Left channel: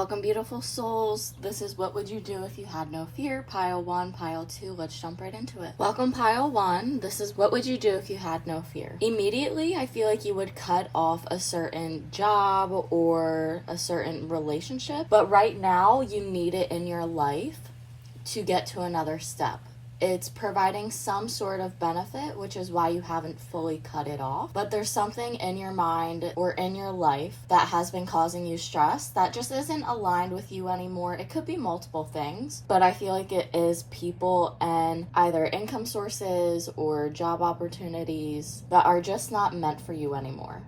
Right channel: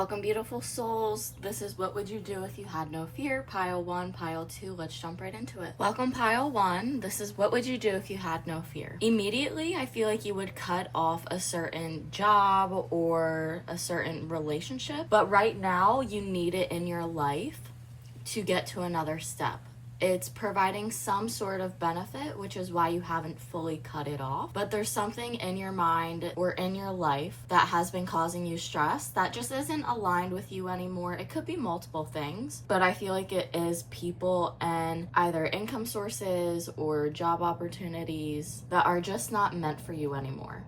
Welcome, beautiful souls. This is what would you do if you had no fear? Pile 1, pile 2. Let's jump right into it. Welcome, pile 1. This is what would you do if you had no fear? Immediately, I feel like you would cut off a certain job or a certain relationship. But right now, you need it in your life to get to another step. It's providing some sort of benefit, which is why you haven't fully cut it off. But there's something in your mind or in your life that has been causing you stress that just isn't aligned with you anymore. It could be multiple things, but I feel like it is people and either income sources or job opportunities that are just not meant for you anymore.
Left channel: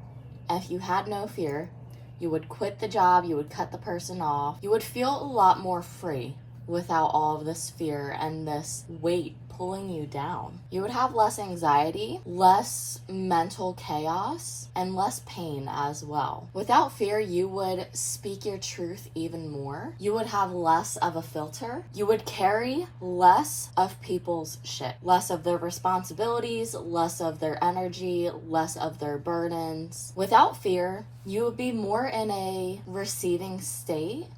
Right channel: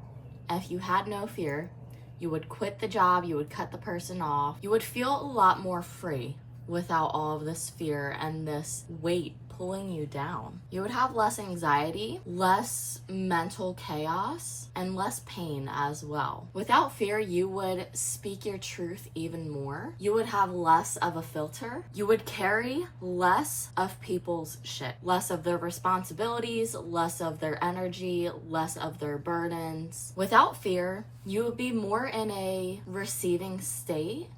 If you had no fear, you would quit the job, you would cut the person off, you would feel a lot more free without all of this fear and this weight pulling you down. You would have less anxiety, less mental chaos, and less pain as well. Without fear, you would speak your truth even more. You would have less of a filter. You would carry less of people's shit, less of their responsibilities, less of their energy, less of their burdens. Without fear, you would be more in a receiving state.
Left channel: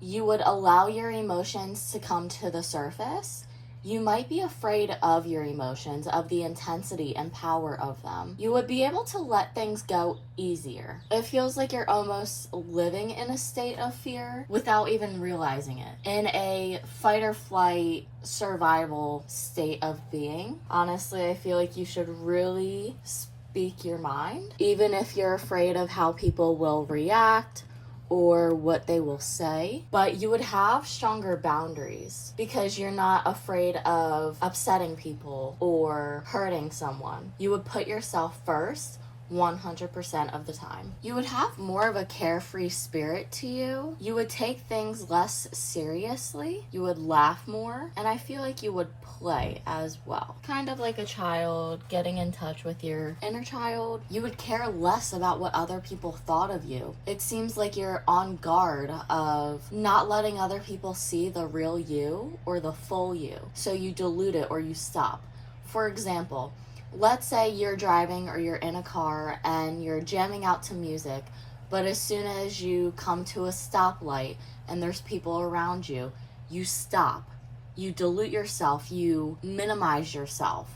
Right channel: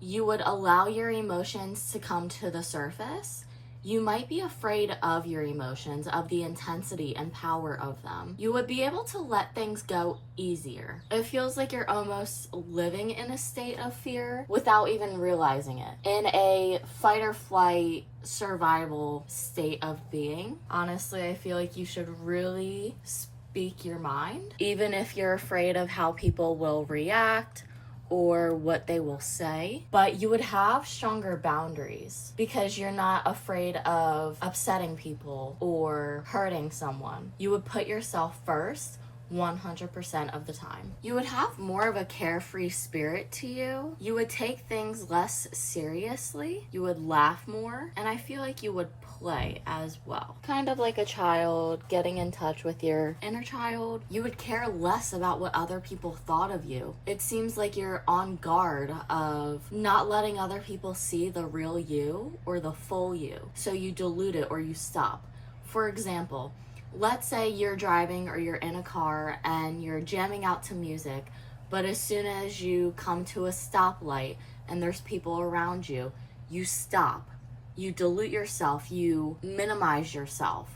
You would allow your emotions to come to the surface. You might be afraid of your emotions, of the intensity and power of them. You would be able to let things go easier. It feels like you're almost living in a state of fear without even realizing it. In a fight or flight survival state of being. Honestly, I feel like you should really speak your mind, even if you're afraid of how people will react or what they will say, but you would have stronger boundaries because you're not afraid of upsetting people or hurting someone. You would put yourself first 100% of the time. You would have more of a carefree spirit to you. You would take things less seriously. You would laugh more, and I feel like you would play as well. Kind of like a child getting in touch with your inner child. You would care less about what other people thought of you. It seems like you're on guard of not letting other people see the real you or the full you. So you dilute it or you stop. For example, let's say you're driving or you're in a car and you're jamming out to music, but as soon as you come to a stoplight and there's people around you, you stop. You dilute yourself, you minimize yourself.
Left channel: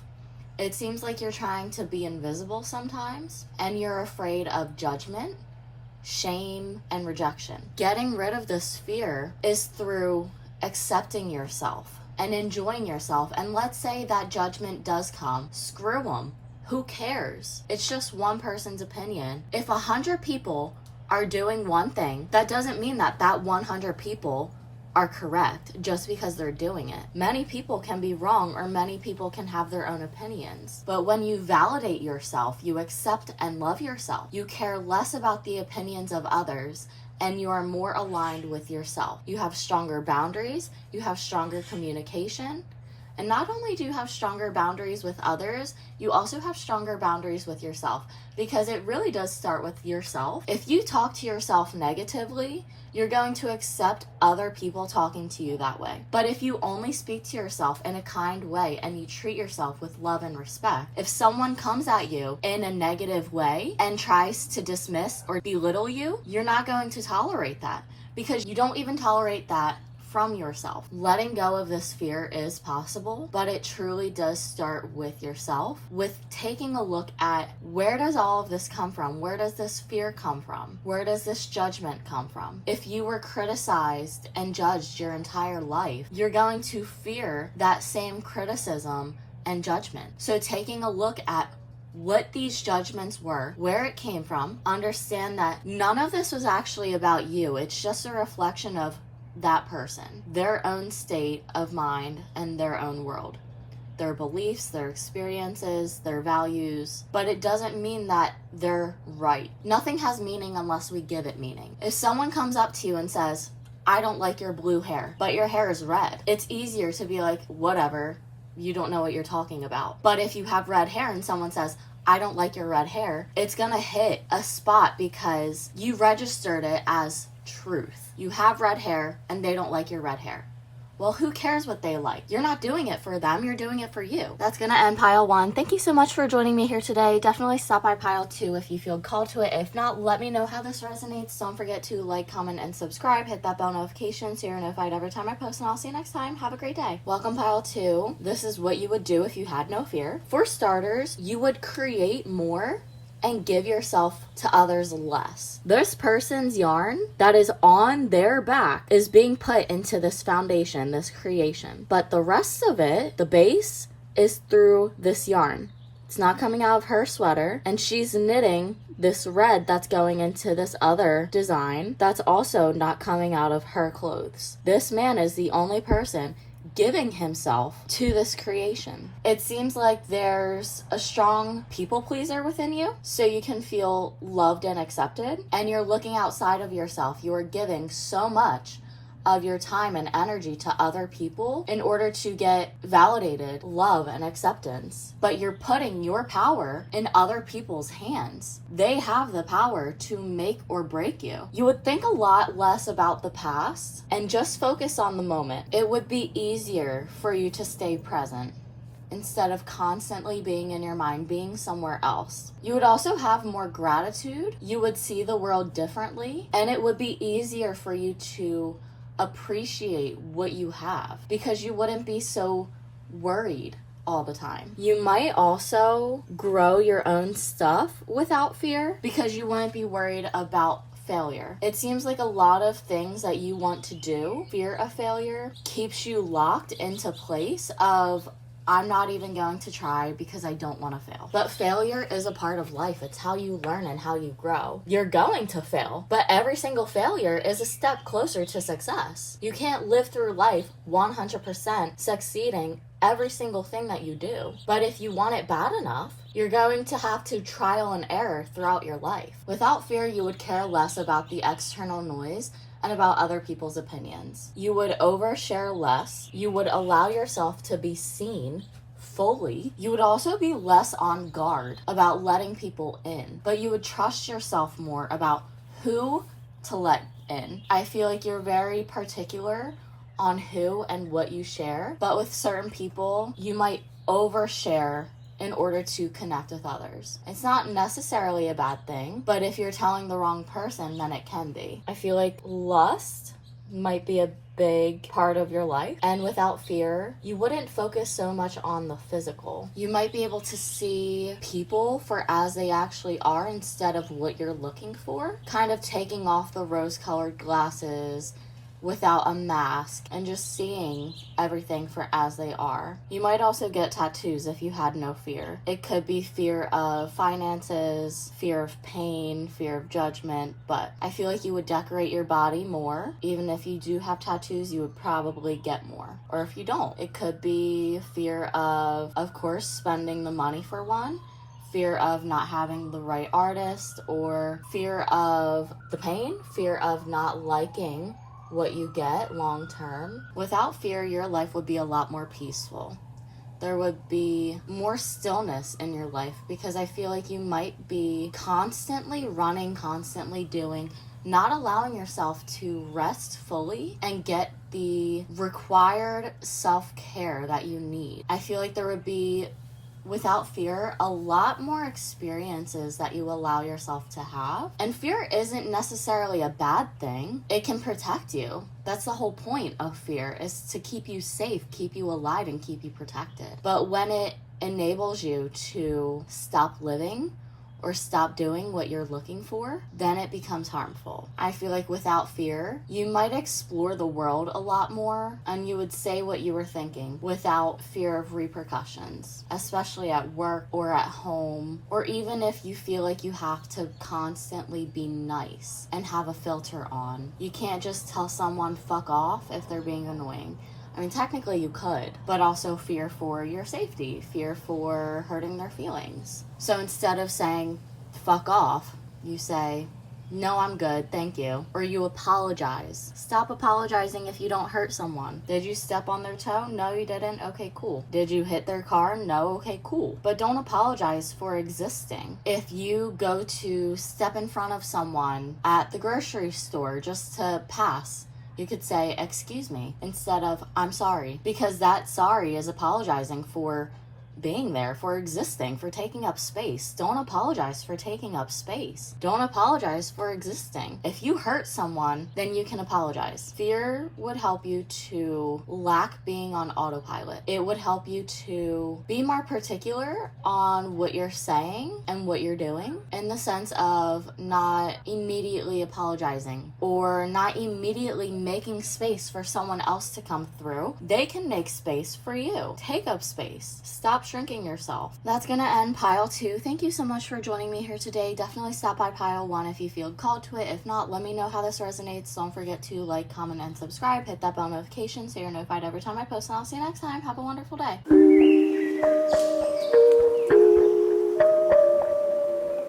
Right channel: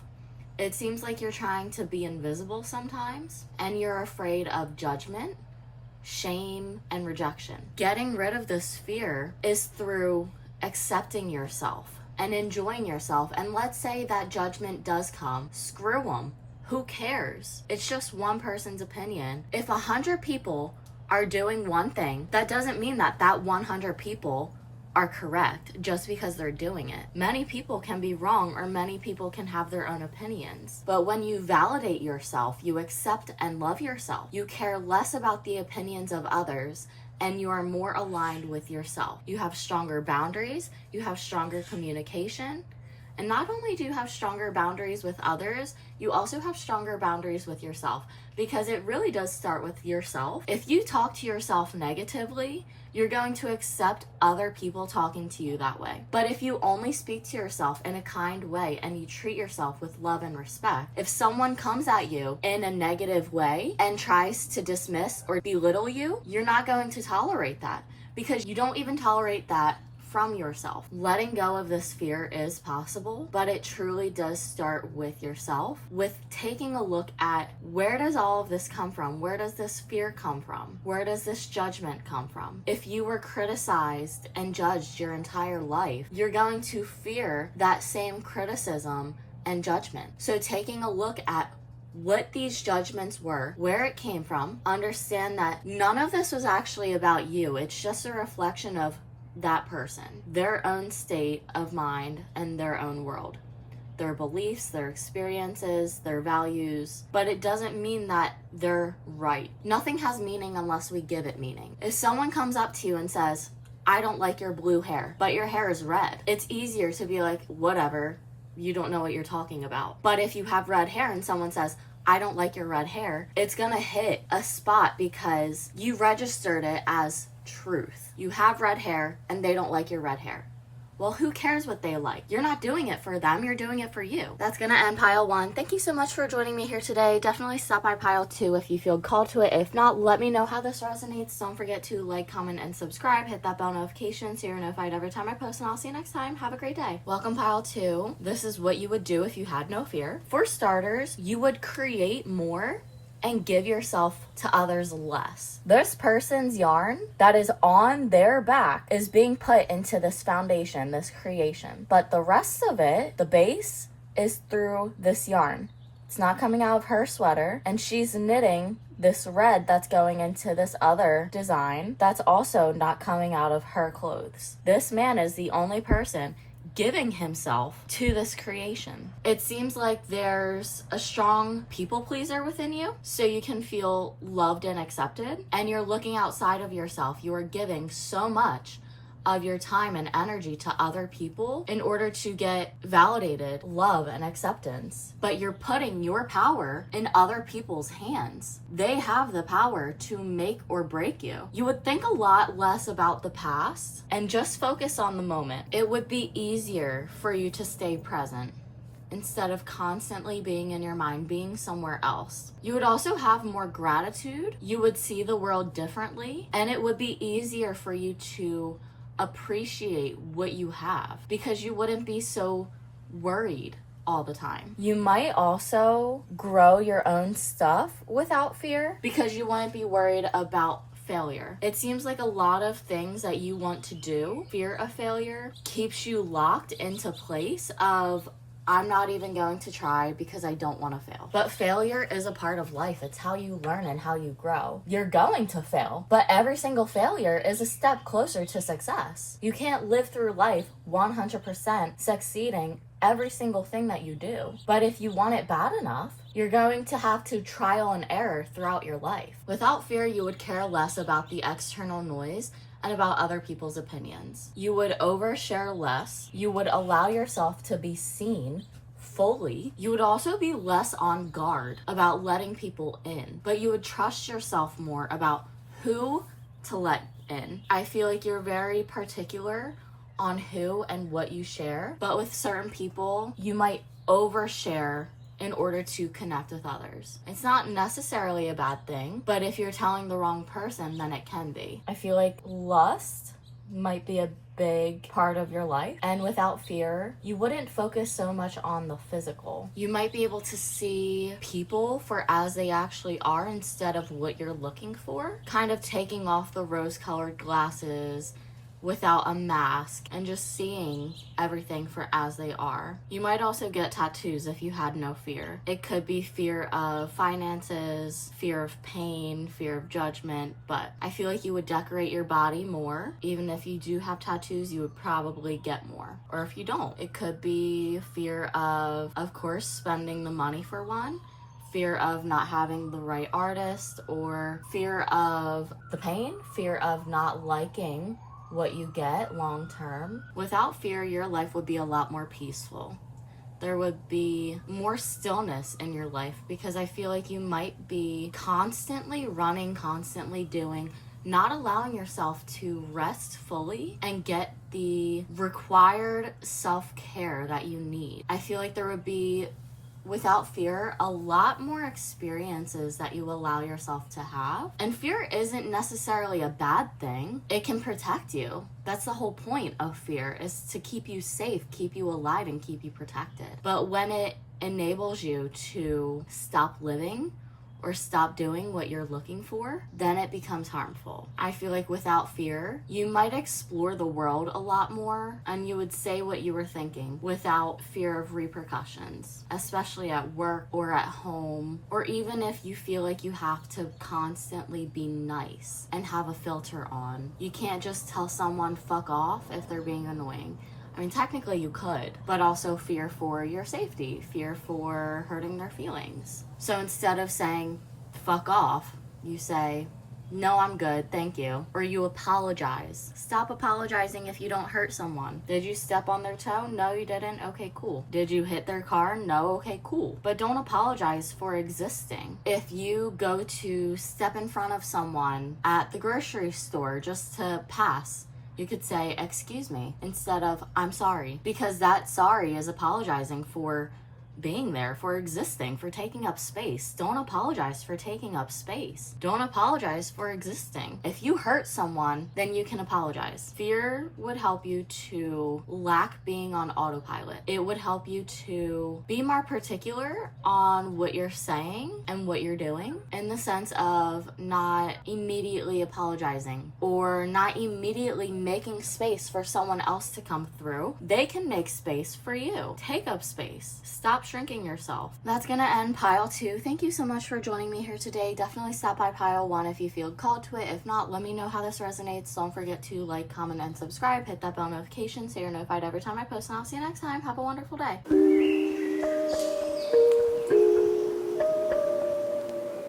It seems like you're trying to be invisible sometimes, and you're afraid of judgment, shame, and rejection. Getting rid of this fear is through accepting yourself and enjoying yourself. And let's say that judgment does come, screw them. Who cares? It's just one person's opinion. If 100 people are doing one thing, that doesn't mean that 100 people are correct just because they're doing it. Many people can be wrong, or many people can have their own opinions. But when you validate yourself, you accept and love yourself. You care less about the opinions of others, and you are more aligned with yourself. You have stronger boundaries, you have stronger communication, and not only do you have stronger boundaries with others, you also have stronger boundaries with yourself, because it really does start with yourself. If you talk to yourself negatively, you're going to accept other people talking to you that way. But if you only speak to yourself in a kind way and you treat yourself with love and respect, if someone comes at you in a negative way and tries to dismiss or belittle you, you're not going to tolerate that, because you don't even tolerate that from yourself. Letting go of this fear is possible, but it truly does start with yourself, with taking a look at, where does all of this come from? Where does this fear come from? Where does this judgment come from? If you were criticized and judged your entire life, you're going to fear that same criticism and judgment. So taking a look at what these judgments were, where it came from, understand that none of this was actually about you. It's just a reflection of that person, their own state of mind and their own world, their beliefs, their experiences, their values, but it doesn't mean that they're right. Nothing has meaning unless we give it meaning. If someone comes up to you and says, I don't like your blue hair, but your hair is red, it's easier to be like, whatever, you don't know what you're talking about. But if you have red hair and someone says, I don't like your red hair, it's gonna hit a spot because you registered it as truth. You have red hair and they don't like your red hair. Well, who cares what they like? You're not doing it for them, you're doing it for you. That's gonna end pile 1. Thank you so much for joining me here today. Definitely stop by pile 2 if you feel called to it. If not, let me know how this resonates. Don't forget to like, comment, and subscribe. Hit that bell notification so you're notified every time I post, and I'll see you next time. Have a great day. Welcome pile 2. This is what you would do if you had no fear. For starters, you would create more and give yourself to others less. This person's yarn that is on their back is being put into this foundation, this creation. But the rest of it, the base, is through this yarn. It's not coming out of her sweater, and she's knitting this red that's going into this other design that's also not coming out of her clothes. This man is the only person giving himself to this creation. It seems like there's a strong people pleaser within you, so you can feel loved and accepted, and you're looking outside of yourself. You are giving so much of your time and energy to other people in order to get validated, love, and acceptance. But you're putting your power in other people's hands. They have the power to make or break you. You would think a lot less about the past and just focus on the moment. It would be easier for you to stay present instead of constantly being in your mind, being somewhere else. You would also have more gratitude. You would see the world differently, and it would be easier for you to appreciate what you have because you wouldn't be so worried all the time. You might also grow your own stuff without fear because you wouldn't be worried about failure. It seems like a lot of things that you want to do, fear of failure, keeps you locked into place of I'm not even going to try because I don't want to fail. But failure is a part of life. It's how you learn and how you grow. You're going to fail, but every single failure is a step closer to success. You can't live through life 100% succeeding every single thing that you do. But if you want it bad enough, you're going to have to trial and error throughout your life. Without fear, you would care less about the external noise and about other people's opinions. You would overshare less. You would allow yourself to be seen fully. You would also be less on guard about letting people in, but you would trust yourself more about who to let in. I feel like you're very particular on who and what you share, but with certain people, you might overshare in order to connect with others. It's not necessarily a bad thing, but if you're telling the wrong person, then it can be. I feel like lust might be a big part of your life, and without fear, you wouldn't focus so much on the physical. You might be able to see people for as they actually are instead of what you're looking for, kind of taking off the rose-colored glasses without a mask and just seeing everything for as they are. You might also get tattoos if you had no fear. It could be fear of finances, fear of pain, fear of judgment, but I feel like you would decorate your body more. Even if you do have tattoos, you would probably get more. Or if you don't, it could be fear of course, spending the money for one, fear of not having the right artist, or fear of the pain, fear of not liking what you get long term. Without fear, your life would be a lot more peaceful. There would be more stillness in your life because I feel like you might be constantly running, constantly doing, not allowing yourself to rest fully and get the required self-care that you need. I feel like there would be, without fear, a lot more experiences that you allow yourself to have. And fear isn't necessarily a bad thing. It can protect you. That's the whole point of fear, is to keep you safe, keep you alive, and keep you protected. But when it enables you to stop living or stop doing what you're looking for, then it becomes harmful. I feel like without fear, you might explore the world a lot more and you would say what you were thinking without fear of repercussions, especially at work or at home, or even if you feel like you have to constantly be nice and have a filter on. You can't just tell someone fuck off if they're being annoying. I mean, technically you could, but also fear for your safety, fear for hurting their feelings. So instead of saying, fuck off, you say, no, I'm good, thank you. Or you apologize. Stop apologizing if you don't hurt someone. Did you step on their toe? No, you didn't? Okay, cool. Did you hit their car? No, okay, cool. But don't apologize for existing. If you go to step in front of someone at the grocery store just to pass, You could say, excuse me, instead of I'm sorry, because that sorry is apologizing for being there, for existing, for taking up space. Don't apologize for taking up space. Don't apologize for existing. If you hurt someone, then you can apologize. Fear would help you to lack being on autopilot. It would help you to be more particular on what you're saying and what you're doing, in the sense of not immediately apologizing or not immediately making space for someone else to come through. They can make space for you. Take up space. Stop shrinking yourself. That's gonna end pile 2. Thank you so much for joining me here today. Definitely stop by pile 1 if you feel called to it. If not, let me know how this resonates. Don't forget to like, comment, and subscribe. Hit that bell notification so you're notified every time I post, and I'll see you next time. Have a wonderful day.